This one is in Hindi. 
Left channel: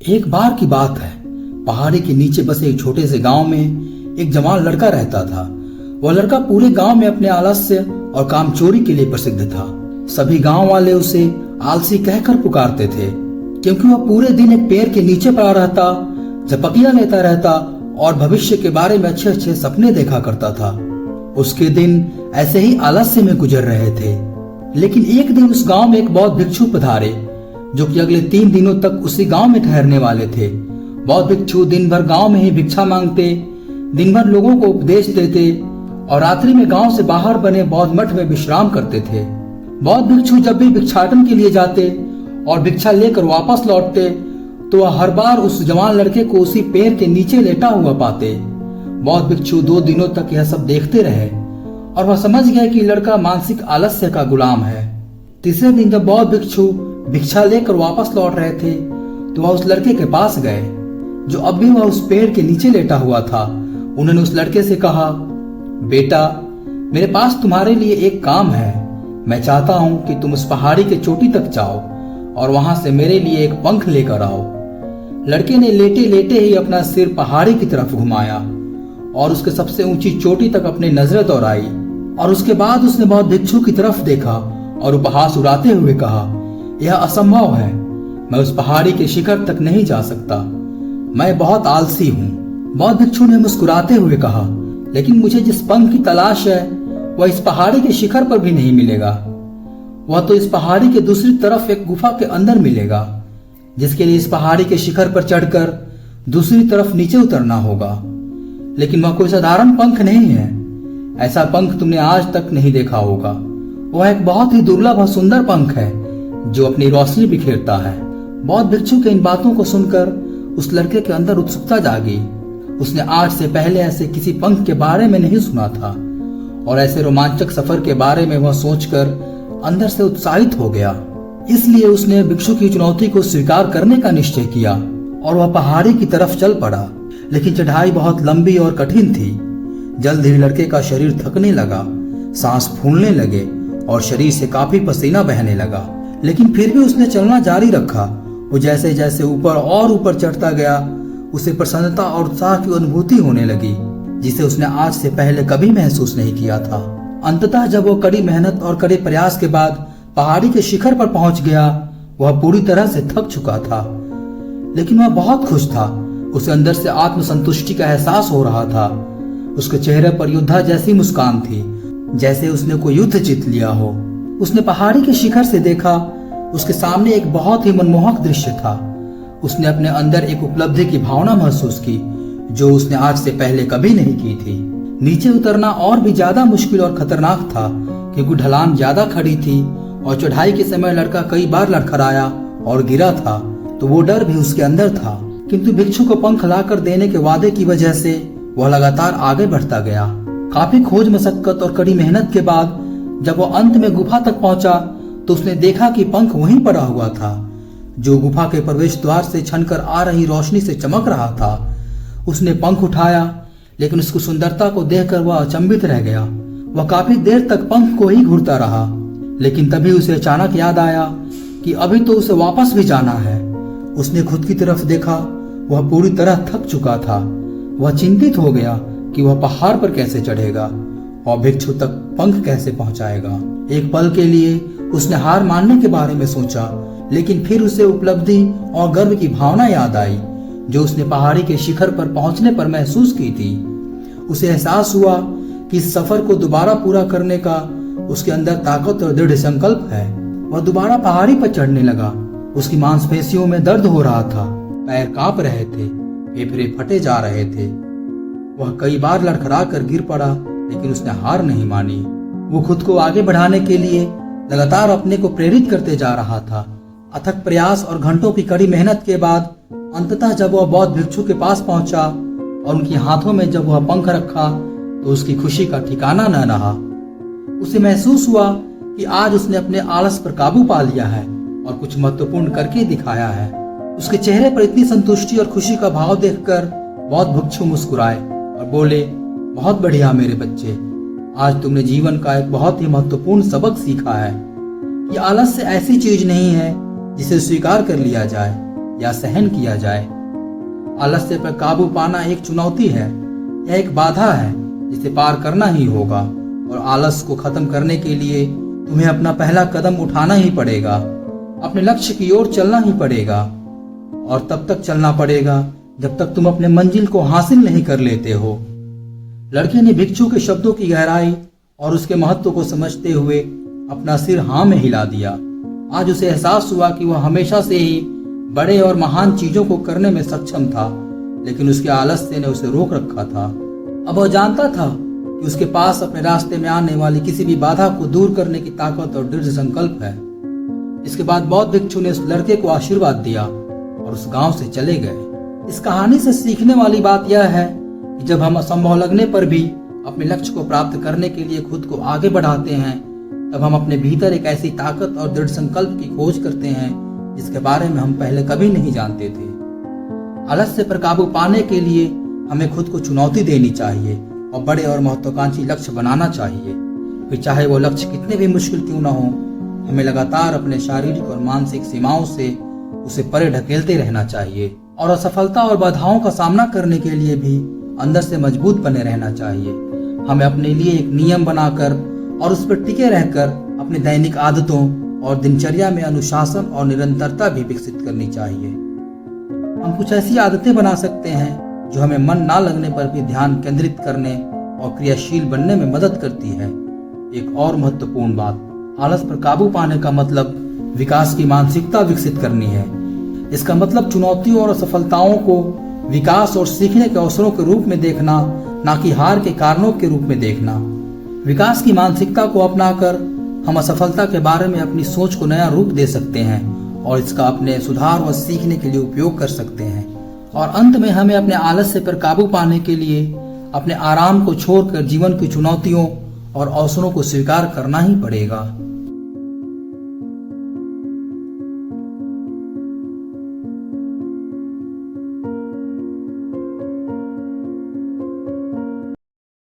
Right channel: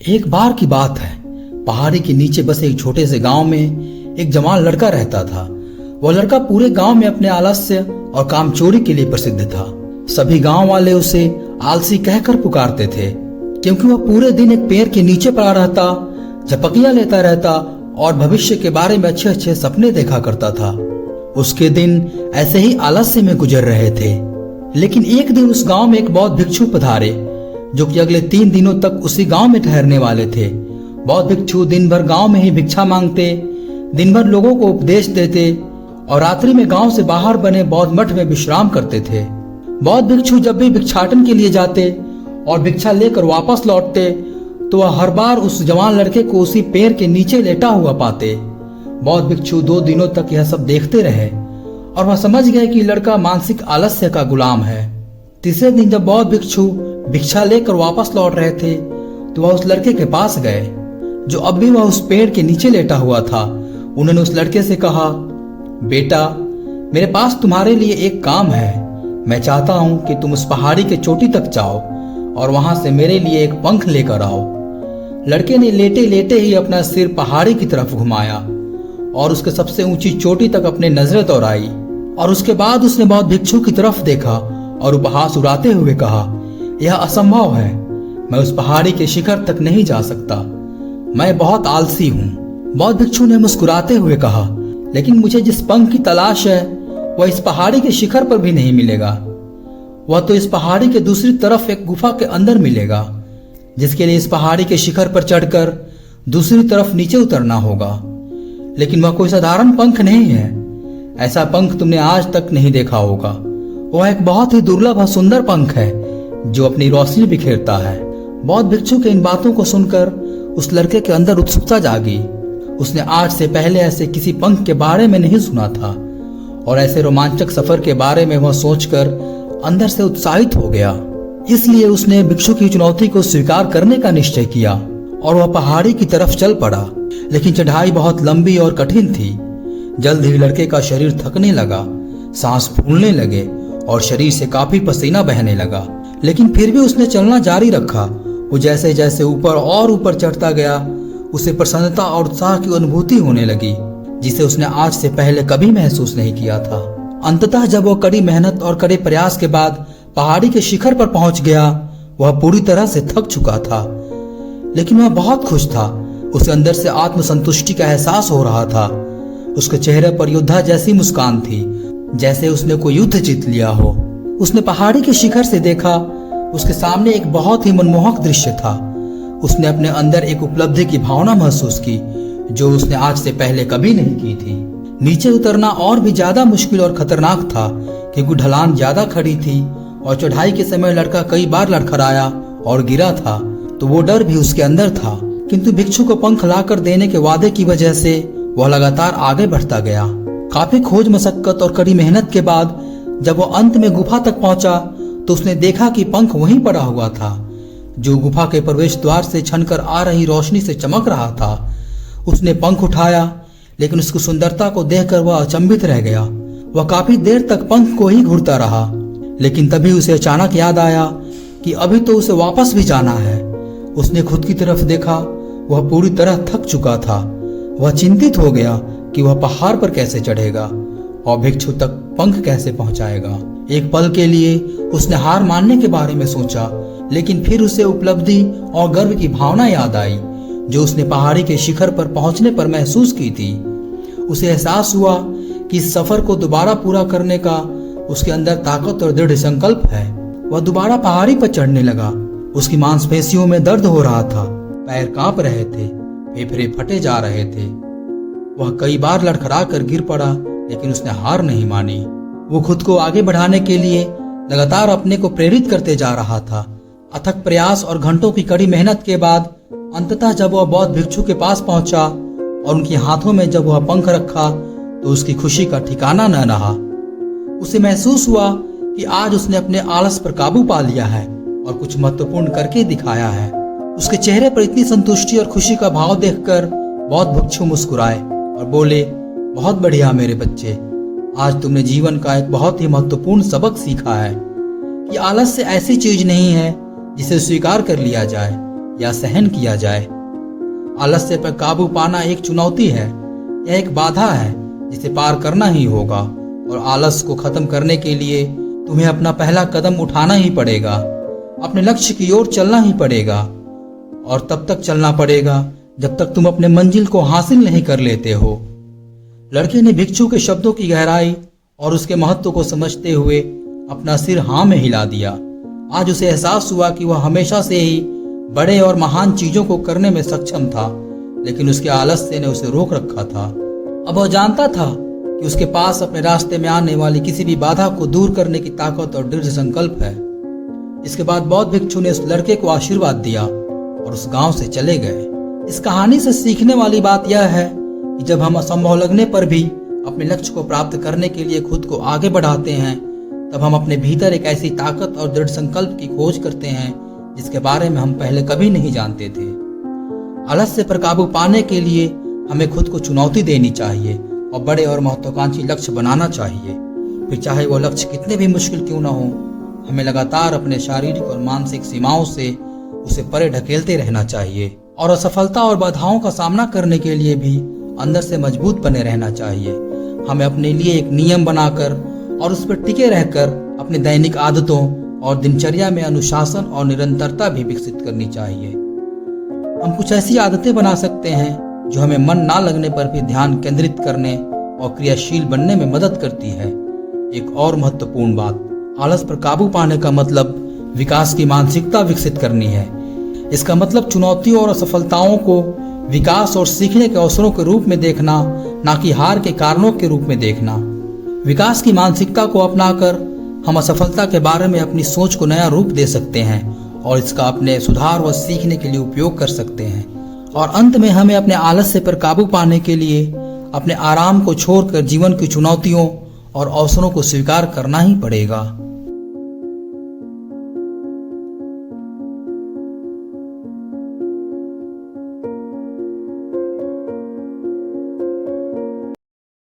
एक बार की बात है। पहाड़ी के नीचे बसे एक छोटे से गांव में एक जवान लड़का रहता था। वह लड़का पूरे गांव में अपने आलस्य और कामचोरी के लिए प्रसिद्ध था। सभी गांव वाले उसे आलसी कहकर पुकारते थे, क्योंकि वह पूरे दिन एक पेड़ के नीचे पड़ा रहता, झपकियां लेता रहता और भविष्य के बारे में अच्छे अच्छे सपने देखा करता था। उसके दिन ऐसे ही आलस्य में गुजर रहे थे। लेकिन एक दिन उस गांव में एक बौद्ध भिक्षु पधारे, जो कि अगले 3 दिनों तक उसी गांव में ठहरने वाले थे। बौद्ध भिक्षु दिन भर गांव में ही भिक्षा मांगते, दिन भर लोगों को उपदेश देते और रात्रि में गांव से बाहर बने बौद्ध मठ में विश्राम करते थे। बौद्ध भिक्षु जब भी भिक्षाटन के लिए जाते और भिक्षा लेकर वापस लौटते, तो वह हर बार उस जवान लड़के को उसी पेड़ के नीचे लेटा हुआ पाते। बौद्ध भिक्षु 2 दिनों तक यह सब देखते रहे और वह समझ गए कि लड़का मानसिक आलस्य का गुलाम है। तीसरे दिन जब बौद्ध भिक्षु भिक्षा लेकर वापस लौट रहे थे, तो वह उस लड़के के पास गए, जो अब भी वह उस पेड़ के नीचे लेटा हुआ था। उन्होंने उस लड़के से कहा, बेटा, मेरे पास तुम्हारे लिए एक काम है। मैं चाहता हूं कि तुम उस पहाड़ी के चोटी तक जाओ और वहां से मेरे लिए एक पंख लेकर आओ। लड़के ने लेटे लेटे ही अपना सिर पहाड़ी की तरफ घुमाया और उसके सबसे ऊंची चोटी तक अपनी नजरें दौड़ाई, और उसके बाद उसने बौद्ध भिक्षु की तरफ देखा और उपहास उड़ाते हुए कहा, यह असंभव है। मैं उस पहाड़ी के शिखर तक नहीं जा सकता। मैं बहुत आलसी हूँ। बौद्ध भिक्षु ने मुस्कुराते हुए कहा, लेकिन मुझे जिस पंख की तलाश है वह इस पहाड़ी के शिखर पर भी नहीं मिलेगा। वह तो इस पहाड़ी के दूसरी तरफ एक गुफा के अंदर मिलेगा, जिसके लिए इस पहाड़ी के शिखर पर चढ़कर दूसरी तरफ नीचे उतरना होगा। लेकिन वह कोई साधारण पंख नहीं है। ऐसा पंख तुमने आज तक नहीं देखा होगा। वह एक बहुत ही दुर्लभ और सुंदर पंख है, जो अपनी रोशनी बिखेरता है। बौद्ध भिक्षु के इन बातों को सुनकर उस लड़के के अंदर उत्सुकता जागी। उसने आज से पहले ऐसे किसी पंख के बारे में नहीं सुना था, और ऐसे रोमांचक सफर के बारे में वह सोचकर अंदर से उत्साहित हो गया। इसलिए उसने भिक्षु की चुनौती को स्वीकार करने का निश्चय किया और वह पहाड़ी की तरफ चल पड़ा। लेकिन चढ़ाई बहुत लंबी और कठिन थी। जल्द ही लड़के का शरीर थकने लगा, सांस फूलने लगे और शरीर से काफी पसीना बहने लगा। लेकिन फिर भी उसने चलना जारी रखा। वो जैसे जैसे ऊपर और ऊपर चढ़ता गया, उसे प्रसन्नता और उत्साह की अनुभूति होने लगी, जिसे उसने आज से पहले कभी महसूस नहीं किया था। अंततः जब वो कड़ी मेहनत और कड़े प्रयास के बाद पहाड़ी के शिखर पर पहुंच गया, वह पूरी तरह से थक चुका था। लेकिन वह बहुत खुश था। उसे अंदर से आत्मसंतुष्टि का एहसास हो रहा था। उसके चेहरे पर योद्धा जैसी मुस्कान थी, जैसे उसने कोई युद्ध जीत लिया हो। उसने पहाड़ी के शिखर से देखा, उसके सामने एक बहुत ही मनमोहक दृश्य था। उसने अपने अंदर एक उपलब्धि की भावना महसूस की, जो उसने आज से पहले कभी नहीं की थी। नीचे उतरना और भी ज्यादा मुश्किल और खतरनाक था, क्योंकि ढलान ज्यादा खड़ी थी और चढ़ाई के समय लड़का कई बार लड़खड़ाया और गिरा था, तो वो डर भी उसके अंदर था। किंतु भिक्षु को पंख लाकर देने के वादे की वजह से वह लगातार आगे बढ़ता गया। काफी खोज मशक्कत और कड़ी मेहनत के बाद जब वह अंत में गुफा तक पहुंचा, तो उसने देखा कि पंख वहीं पड़ा हुआ था, जो गुफा के प्रवेश द्वार से छनकर आ रही रोशनी से चमक रहा था। उसने पंख उठाया, लेकिन उसकी सुंदरता को देखकर वह अचंभित रह गया। वह काफी देर तक पंख को ही घूरता रहा, लेकिन तभी उसे अचानक याद आया कि अभी तो उसे वापस भी जाना है। उसने खुद की तरफ देखा। वह पूरी तरह थक चुका था। वह चिंतित हो गया कि वह पहाड़ पर कैसे चढ़ेगा और भिक्षु तक पंख कैसे पहुंचाएगा। एक पल के लिए उसने हार मानने के बारे में सोचा, लेकिन फिर उसे उपलब्धि और गर्व की भावना याद आई, जो उसने पहाड़ी के शिखर पर पहुंचने पर महसूस की थी। उसे एहसास हुआ कि इस सफर को दोबारा पूरा करने का उसके अंदर ताकत और दृढ़ संकल्प है। वह दोबारा पहाड़ी पर चढ़ने लगा। उसकी मांसपेशियों में दर्द हो रहा था, पैर कांप रहे थे, फेफड़े फटे जा रहे थे। वह कई बार लड़खड़ा कर गिर पड़ा, लेकिन उसने हार नहीं मानी। वो खुद को आगे बढ़ाने के लिए लगातार अपने को प्रेरित करते जा रहा था। अथक प्रयास और घंटों की कड़ी मेहनत के बाद अंततः जब वह बौद्ध भिक्षु के पास पहुंचा और उनके हाथों में जब वह पंख रखा, तो उसकी खुशी का ठिकाना न रहा। उसे महसूस हुआ कि आज उसने अपने आलस पर काबू पा लिया है और कुछ महत्वपूर्ण करके दिखाया है। उसके चेहरे पर इतनी संतुष्टि और खुशी का भाव देखकर बौद्ध भिक्षु मुस्कुराए और बोले, बहुत बढ़िया मेरे बच्चे, आज तुमने जीवन का एक बहुत ही महत्वपूर्ण सबक सीखा है कि आलस्य ऐसी चीज नहीं है जिसे स्वीकार कर लिया जाए, या सहन किया जाए। आलस्य पर काबू पाना एक चुनौती है, यह एक बाधा है जिसे पार करना ही होगा। और आलस को खत्म करने के लिए तुम्हें अपना पहला कदम उठाना ही पड़ेगा, अपने लक्ष्य की ओर चलना ही पड़ेगा। और तब तक चलना पड़ेगा जब तक तुम अपने मंजिल को हासिल नहीं कर लेते हो। लड़के ने भिक्षु के शब्दों की गहराई और उसके महत्व को समझते हुए अपना सिर हाँ में हिला दिया। आज उसे एहसास हुआ कि वह हमेशा से ही बड़े और महान चीजों को करने में सक्षम था, लेकिन उसके आलस्य ने उसे रोक रखा था। अब वह जानता था कि उसके पास अपने रास्ते में आने वाली किसी भी बाधा को दूर करने की ताकत और दृढ़ संकल्प है। इसके बाद बौद्ध भिक्षु ने उस लड़के को आशीर्वाद दिया और उस गांव से चले गए। इस कहानी से सीखने वाली बात यह है कि जब हम असंभव लगने पर भी अपने लक्ष्य को प्राप्त करने के लिए खुद को आगे बढ़ाते हैं, तब हम अपने भीतर एक ऐसी ताकत और दृढ़ संकल्प की खोज करते हैं जिसके बारे में हम पहले कभी नहीं जानते थे। आलस्य पर काबू पाने के लिए हमें खुद को चुनौती देनी चाहिए और बड़े और महत्वाकांक्षी लक्ष्य बनाना चाहिए। फिर चाहे वो लक्ष्य कितने भी मुश्किल क्यों ना हो, हमें लगातार अपने शारीरिक और मानसिक सीमाओं से उसे परे ढकेलते रहना चाहिए और असफलता और बाधाओं का सामना करने के लिए भी अंदर से मजबूत बने रहना चाहिए। हमें अपने लिए एक नियम बनाकर और उस पर टिके रहकर अपनी दैनिक आदतों और दिनचर्या में अनुशासन और निरंतरता भी विकसित करनी चाहिए। हम कुछ ऐसी आदतें बना सकते हैं जो हमें मन ना लगने पर भी ध्यान केंद्रित करने और क्रियाशील बनने में मदद करती है। एक और महत्वपूर्ण बात, आलस पर काबू पाने का मतलब विकास की मानसिकता विकसित करनी है। इसका मतलब चुनौतियों और असफलताओं को विकास और सीखने के अवसरों के रूप में देखना, ना कि हार के कारणों के रूप में देखना। विकास की मानसिकता को अपनाकर हम असफलता के बारे में अपनी सोच को नया रूप दे सकते हैं और इसका अपने सुधार व सीखने के लिए उपयोग कर सकते हैं। और अंत में हमें अपने आलस्य पर काबू पाने के लिए अपने आराम को छोड़कर जीवन की चुनौतियों और अवसरों को स्वीकार करना ही पड़ेगा।